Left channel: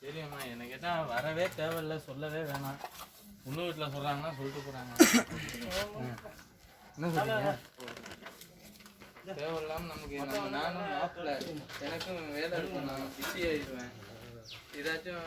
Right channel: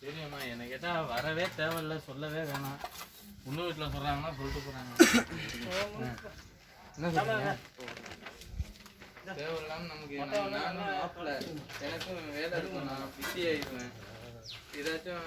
தெரியும்மா என்ன கேட்டால் வரவே தேவையில்ல சொல்லவே வேணாம். பொண்ணு வீட்டில் சொல்கிறாங்கன்னா சொல்லிட்டு போகிறாங்க என்ன சொல்லுங்க தேவையில்லாமல் நமக்கு நானும் மாப்பிள்ள எனக்கும் வேலை நான் பிஸி ஆயிடுவேன். ஏதாச்சும்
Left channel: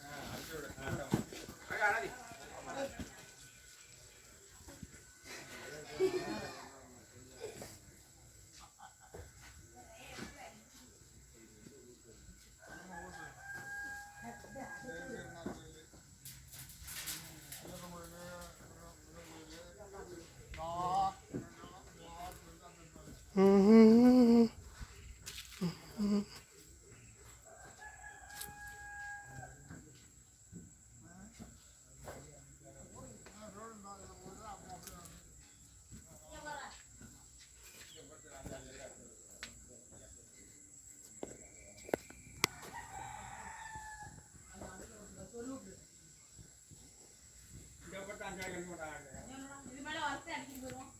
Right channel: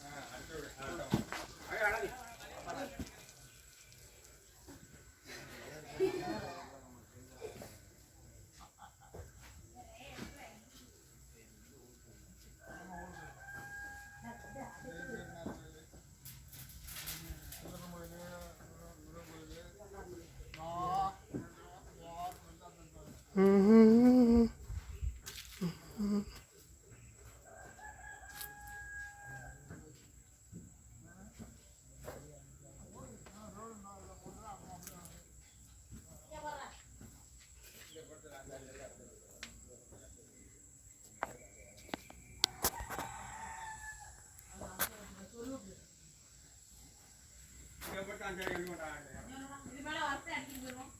வரத்தை அடிச்சுட்டு போயிடும்